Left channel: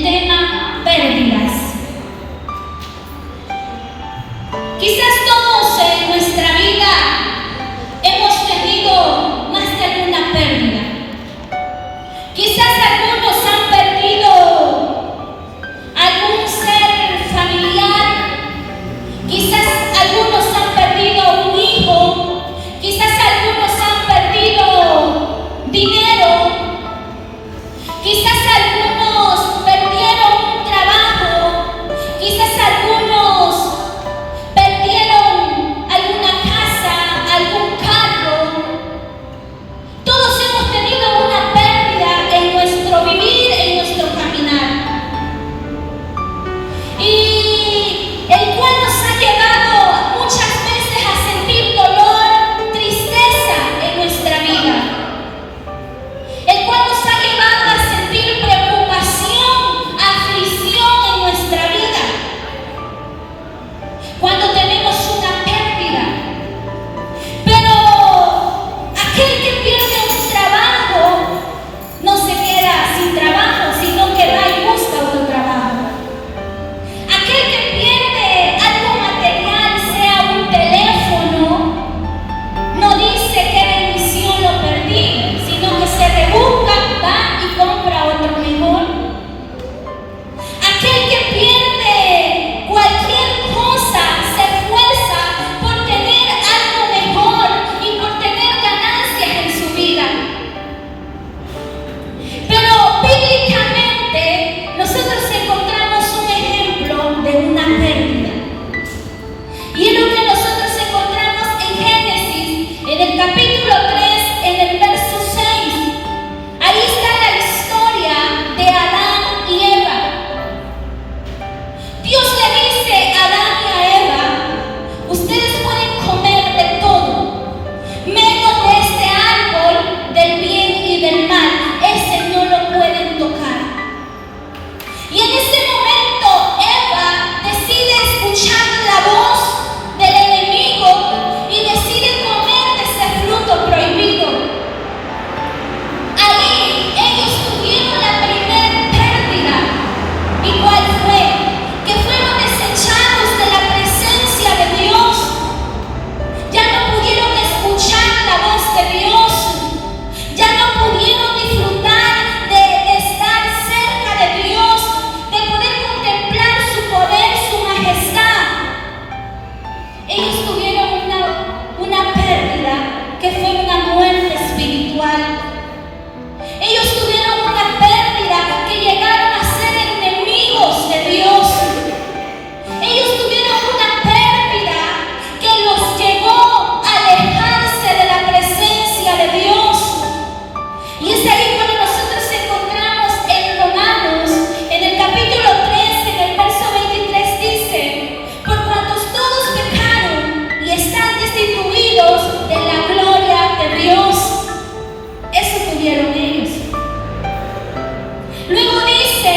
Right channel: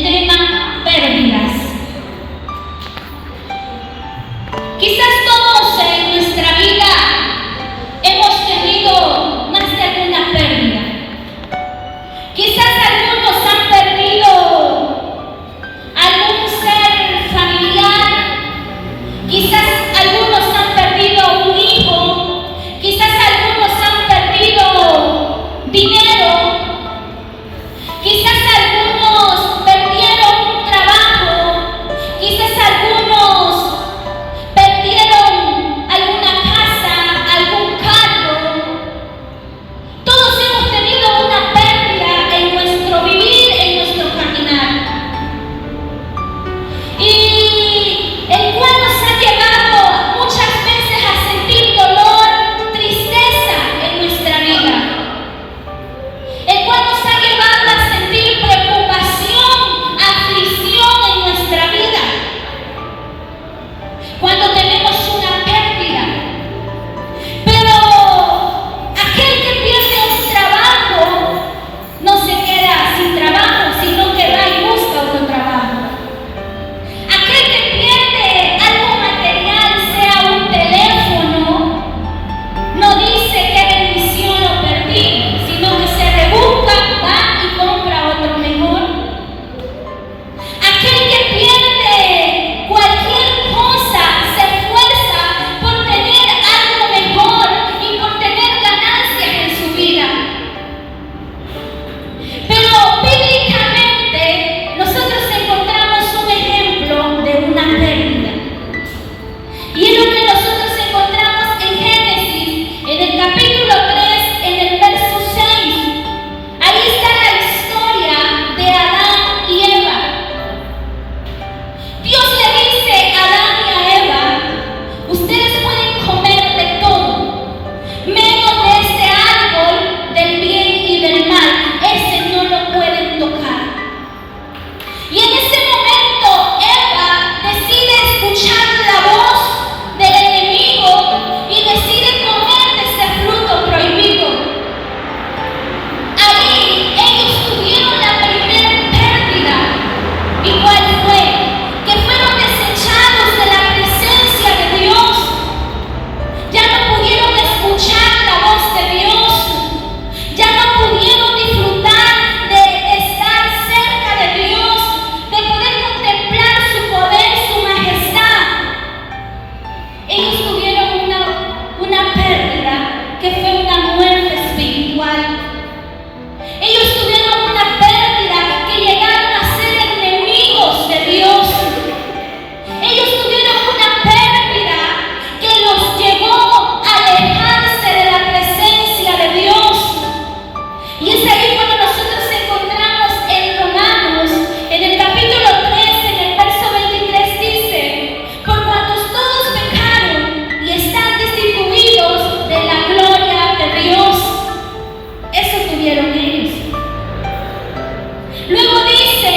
el tema pérdidas. Quizás todos en nuestra vida hemos tenido más de alguna pérdida. Quizás algunos han perdido algún ser familiar, quizás algunos han perdido un hijo, quizás algunos han perdido dinero, quizás algunos perdieron un trabajo, quizás algunos perdieron alguna casa, algún carro. Todos hemos tenido una pérdida en nuestro vivir, en nuestro caminar. Y el cual nos ha llevado muchas veces a sentir dolor, tristeza en nuestra vida. El cual nos ha llevado a sentir preocupación, aflicción en nuestra vida. Cuando tenemos una pérdida. Pero aquel que pierde un trabajo no se queda sin trabajo, sino que va y busca otro trabajo. Aquel que pierde algo material, sea un teléfono, no dice qué bendición lo perdí, sino que se rebusca, va y compra otro mejor. Aquel que pierde cualquier cosa se esfuerza por tener algo mejor y por tener ganancias en su vida. Pero bíblicamente nosotros encontramos un ejemplo de una pérdida. Y es lo que nosotros encontramos en Génesis, en el capítulo 3, en el verso 6. Ahí está la historia de Adán y Eva. Dios le dice a Adán y a Eva: ustedes pueden comer de todo, menos de este árbol del bien y del mal. Ese no lo pueden tocar. Y en ese momento Eva decide escuchar la voz del enemigo y decide comer de ese fruto prohibido. Ahí ellos tuvieron la primera pérdida. ¿Y cuál fue? Que fueron desechados de la presencia de Dios. Ya no pudieron escuchar la voz de Dios. Ya no pudieron disfrutar de estar cerca de Dios, de poder contemplar su poder, su majestad. Ellos tuvieron una pérdida que fue una muerte espiritual. Ellos tuvieron una pérdida que llegaron a ser enemigos de Dios. Ellos tuvieron una pérdida que los llevó a alejarse de la presencia de Dios. Y es ahí cuando nosotros encontramos en Romanos, en el capítulo 3, en el verso 23, dice: por cuantos todos pecaron y están destituidos de la gloria de Dios. Eso tuvieron ellos. Luego dice:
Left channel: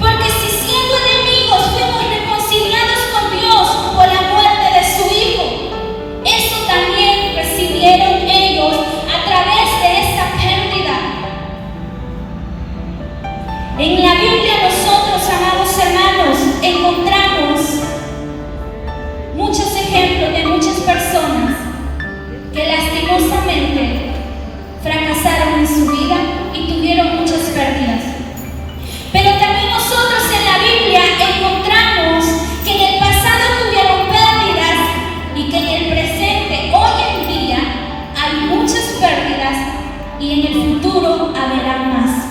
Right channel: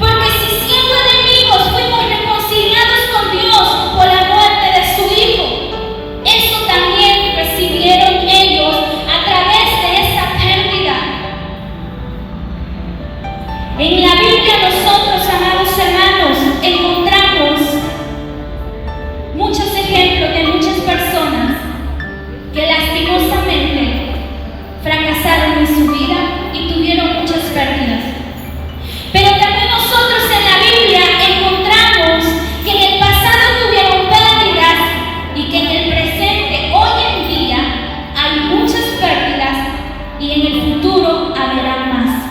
porque si siendo enemigos fuimos reconciliados con Dios por la muerte de su Hijo, eso también recibieron ellos a través de esa pérdida. En la Biblia nosotros, amados hermanos, encontramos muchos ejemplos de muchas personas que lastimosamente fracasaron en su vida y tuvieron muchas pérdidas. Pero también nosotros en la Biblia encontramos que en el pasado tuvieron pérdidas y que en el presente, hoy en día, hay muchas pérdidas y en el futuro habrá más.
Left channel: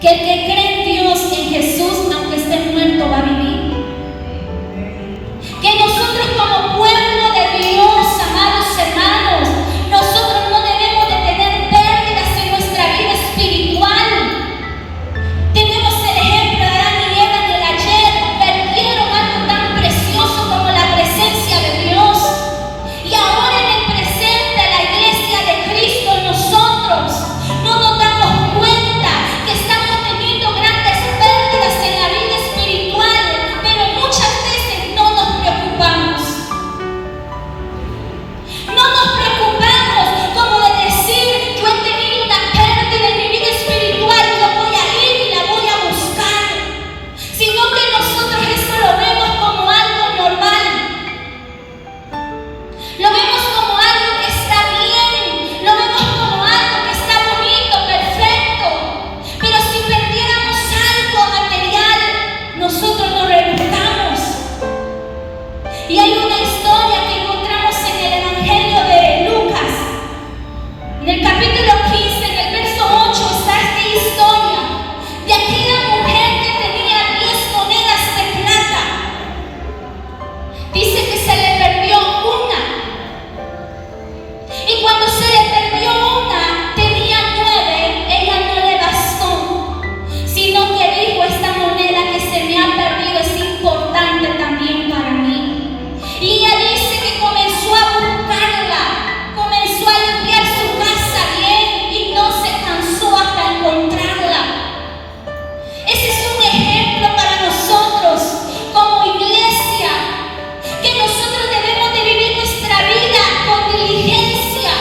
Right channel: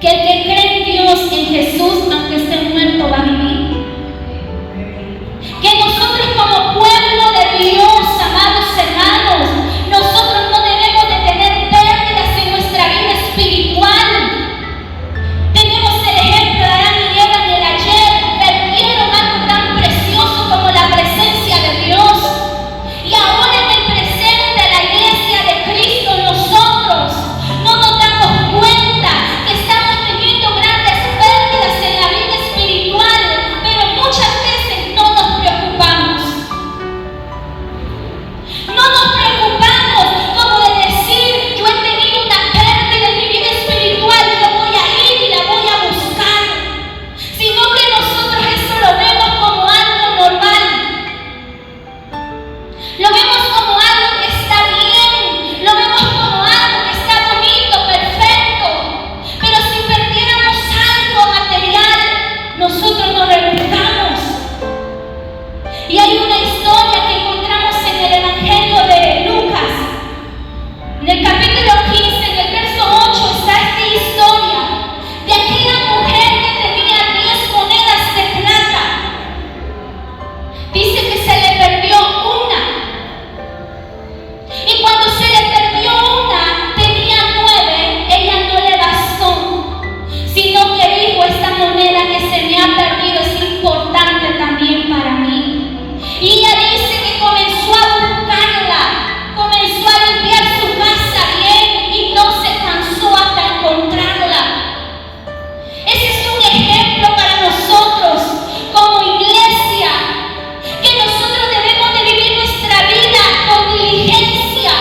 que el que cree en Dios, en Jesús, aunque esté muerto, va a vivir. Que nosotros como pueblo de Dios, amados hermanos, nosotros no debemos de tener pérdidas en nuestra vida espiritual. Tenemos el ejemplo de Adán y Eva en el ayer, perdieron algo tan precioso como la presencia de Dios. Y ahora en el presente, la iglesia de Cristo, nosotros no nos damos cuenta que estamos teniendo grandes pérdidas en la vida espiritual, pero muchas veces no nos preocupamos. No nos preocupamos como de decir, yo he tenido una pérdida en mi vida espiritual, yo voy a ir y la voy a buscar. Sino que nosotros eso lo vemos como algo normal. Lo vemos como algo que está bien, lo vemos como algo que está bonito, perfecto. Pero si perdiéramos algo material, nosotros nos rebuscamos. Y hay una historia que encontramos en el Evangelio de Lucas. En el capítulo 15, en el verso 8, está esta historia de aquella mujer que tenía 10 monedas de plata. Dice que se le perdió una. Y cuando se le perdió una, tenía 9, ella no le bastó, sino que dijo, esta moneda que se me ha perdido es importante también para mí. Y ella dice que comenzó a buscarla, comenzó a limpiar su casa bien y no se cansó hasta encontrarla. Ese es un ejemplo para nosotros como iglesia, que nosotros debemos de vivir nuestra vida con diligencia,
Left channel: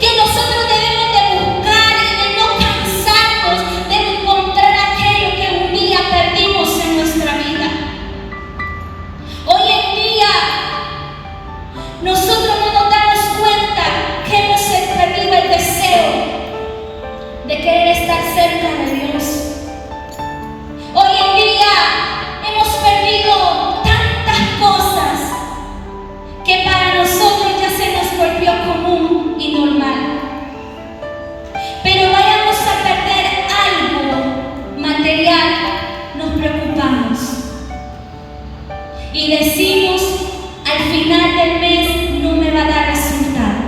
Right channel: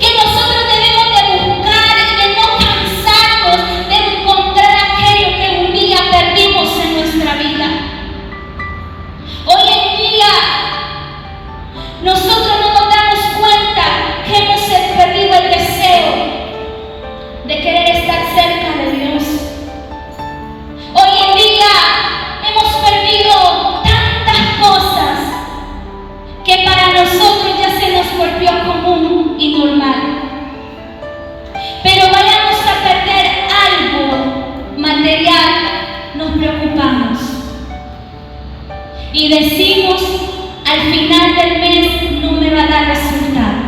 que nosotros debemos de buscar y de no cansarnos de encontrar aquello que un día perdimos en nuestra vida. Hoy en día nosotros no nos damos cuenta que hemos perdido el deseo de querer estar cerca de Dios. Hoy en día hemos perdido tantas cosas que para nosotros ya se nos volvió común y normal. Pero vayamos a perder algo material, nos preocupamos. Y decimos, al final del mes no me va a dar resultado.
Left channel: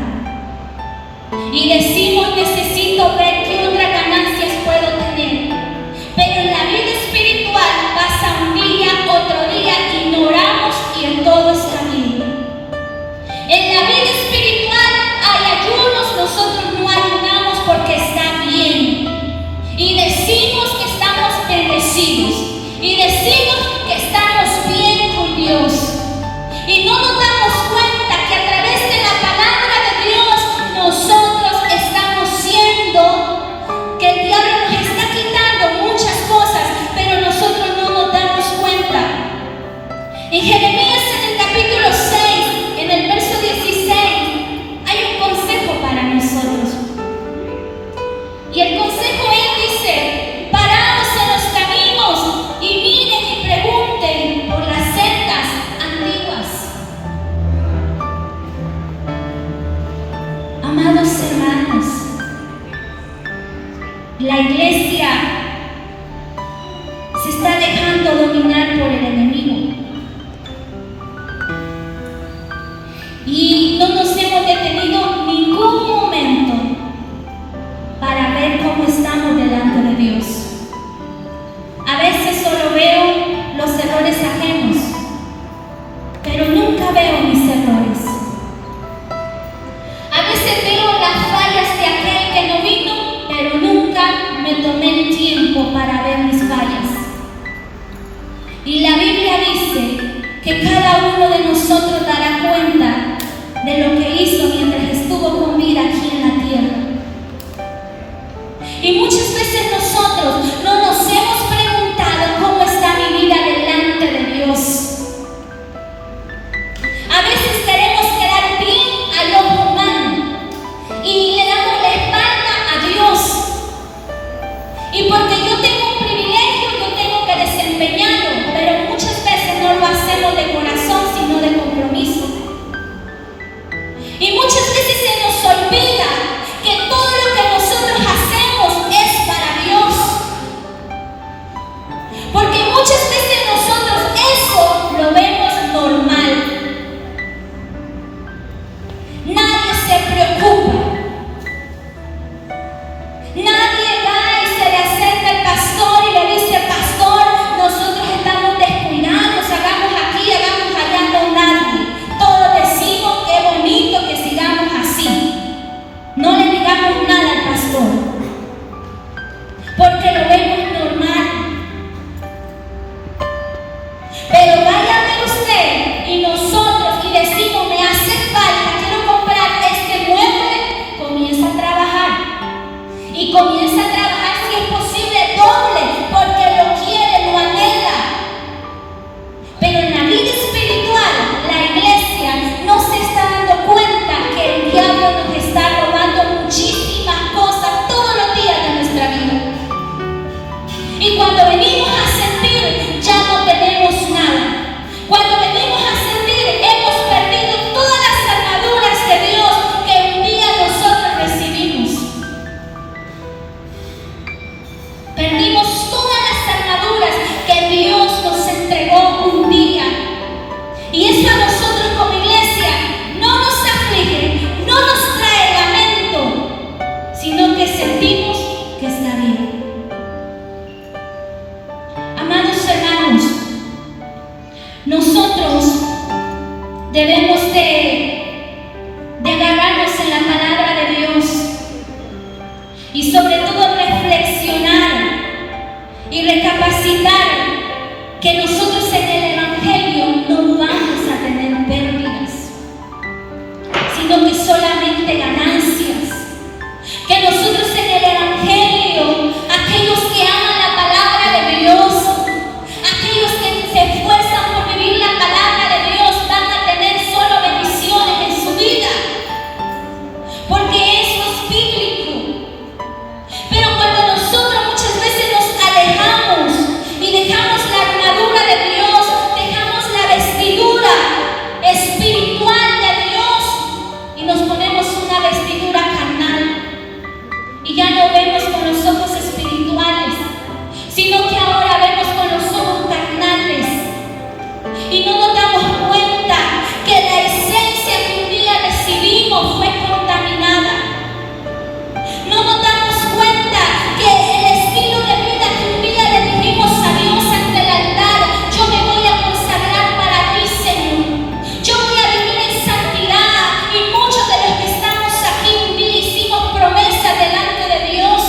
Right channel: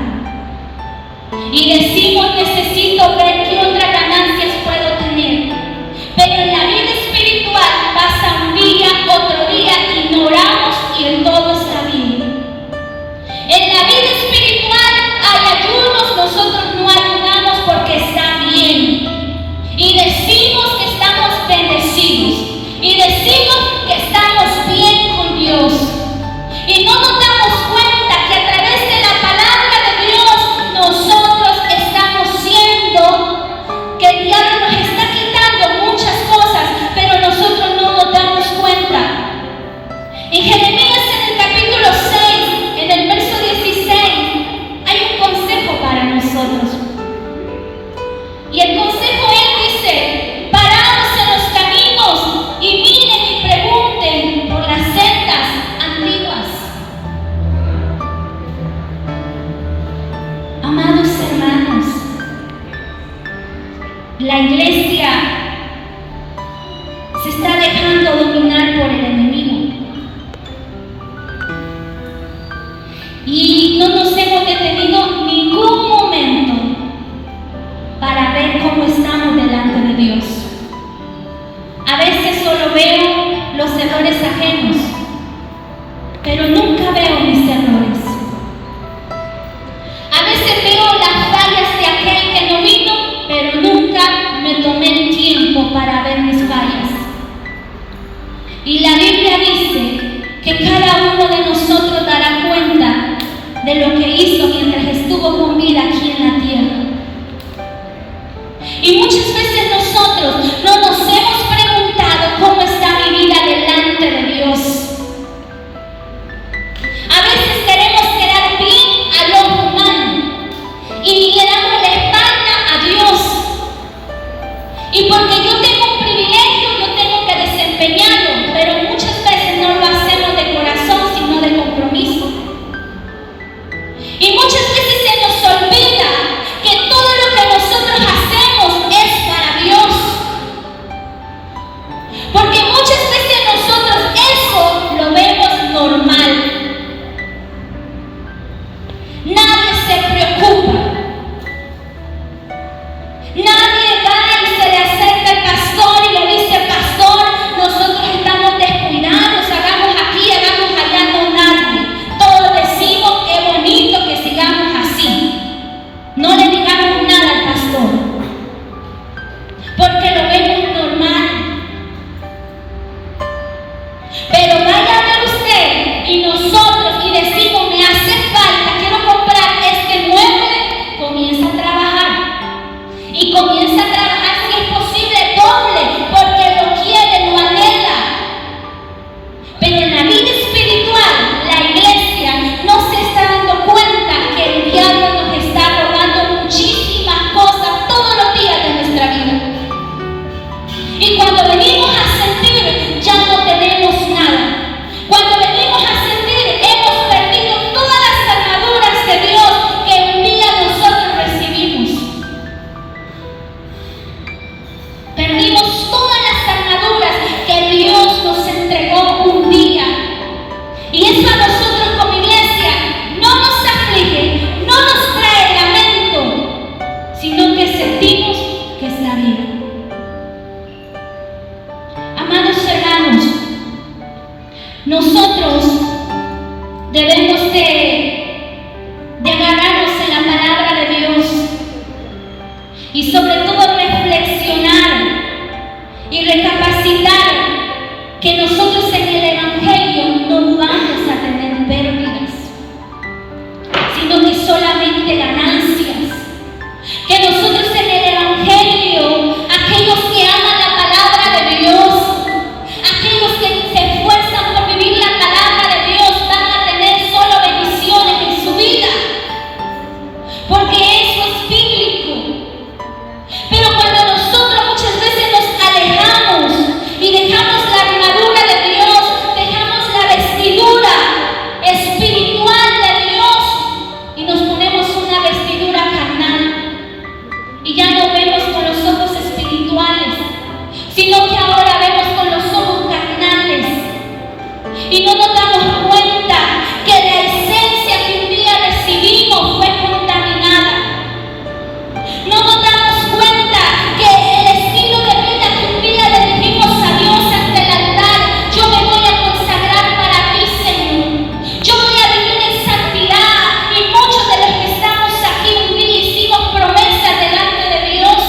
Y decimos, necesito ver qué otras ganancias puedo tener. Pero en la vida espiritual pasa un día, otro día, ignoramos y en todo está bien. En la vida espiritual hay ayunos, nosotros no ayunamos porque está bien. Y decimos que estamos bendecidos. Y decimos que estamos bien con Dios. Y no nos damos cuenta que a través de la palabra de Dios nosotros estamos siendo, que el diablo nos está quitando muchas cosas, pero nosotros no nos damos cuenta. En Jeremías, en el capítulo 6, en el verso 16, hay un consejo para nosotros. Y el consejo él dice, paraos en los caminos y miren y pregunten por las sendas antiguas. Amados hermanos, la iglesia se está dejando dominar por el enemigo. Y no nos hemos detenido ningún momento para ver cómo estamos delante de Dios. A veces solo veo los errores ajenos, pero nunca veo mis errores. A veces veo las fallas de aquel que no vino, pero nunca me tomé porque lo vemos normal. Pero vaya a ver usted y nosotros y decimos, me hace falta, quiero comprar este mueble, comienza a trabajar. Y comienza a trabajar si es posible doble, porque lo quiere, lo anhela. Pero en la vida espiritual, la iglesia no se está dando cuenta que el diablo nos está robando muchísimas cosas todos los días de nuestra vida. Y cuando venimos a sentir, ya no tenemos nada. Cuando venimos a sentir, hemos perdido todas las armaduras de Dios que un día nosotros recibimos. Perdimos todas las armaduras que Dios nos entregó un día. Y eso a nosotros como iglesia no nos aflige, no nos trae lamento, sino que sentimos que es la vida. Amados hermanos, nosotros debemos de agarrarnos en la palabra de Dios y sobre todo reflexionar y recapacitar que nosotros en el Evangelio no vamos a tener pérdidas, sino que solamente ganancias. Que nosotros en el Evangelio, aquellos que aman la palabra de Dios, aquellos que se esfuerzan por vivir la palabra de Dios, van a tener solo bendiciones en su vida, porque eso es bíblico. Pero cuando nosotros muchas veces nos alejamos y dejamos la armadura de Dios, dejamos la vestidura espiritual de Dios y nos ponemos una vestidura carnal y ya no vemos con los ojos espirituales, sino que ahora vemos con los ojos carnales y no nos damos cuenta que la esencia que un día recibimos fue contaminada. No nos damos cuenta que el estilo de vida que un día le dijimos a Dios ante el altar, yo me voy a consagrar para ti, Señor, yo voy a vivir en santidad, y muchos de los que estamos aquí un día hicimos promesas delante de Dios,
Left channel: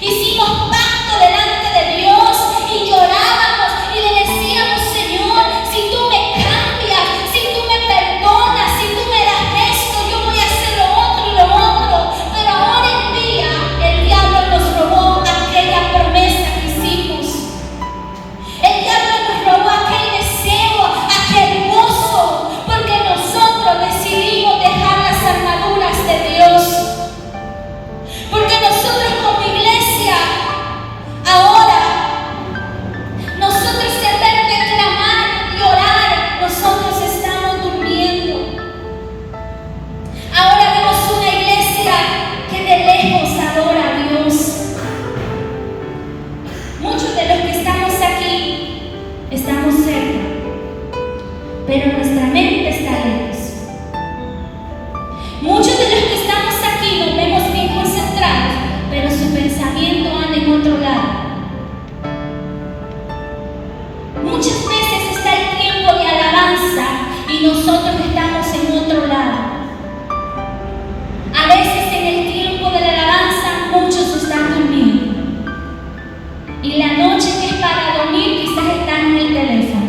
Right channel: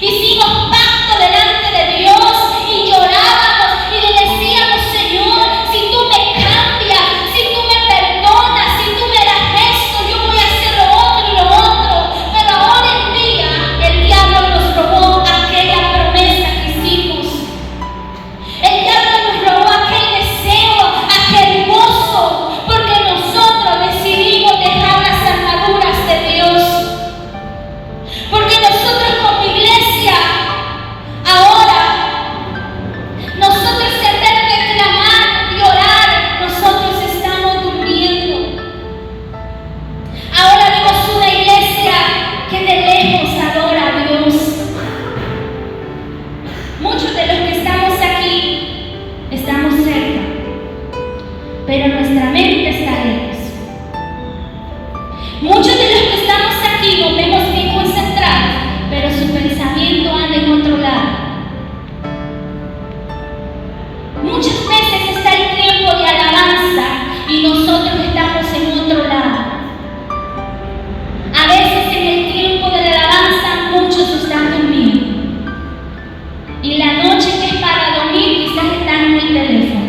hicimos pacto delante de Dios y llorábamos y le decíamos, Señor, si tú me cambias, si tú me perdonas, si tú me das esto, yo voy a hacer lo otro y lo otro. Pero ahora en día el diablo nos robó aquella promesa que hicimos. El diablo nos robó aquel deseo, aquel gozo, porque nosotros decidimos dejar las armaduras de Dios. Porque nosotros como iglesia, ahora, nosotros en vez de clamar y orar, nosotros estamos durmiendo. Ahora vemos una iglesia que de lejos adora a Dios. Muchos de los que estamos aquí estamos cerca, pero nuestra mente está lejos. Muchos de los que estamos aquí nos vemos bien concentrados, pero su pensamiento anda en otro lado. Muchas veces está el tiempo de alabanza y nosotros estamos en otro lado. A veces en el tiempo de la alabanza muchos están durmiendo. Y la noche que es para dormir quizás están en el teléfono.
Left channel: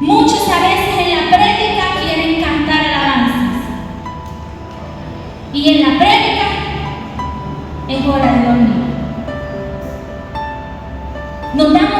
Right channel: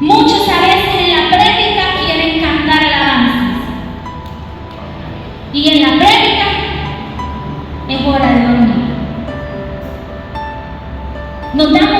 Muchos a veces en la prédica quieren cantar alabanzas. Y en la prédica es hora de dormir. Nos damos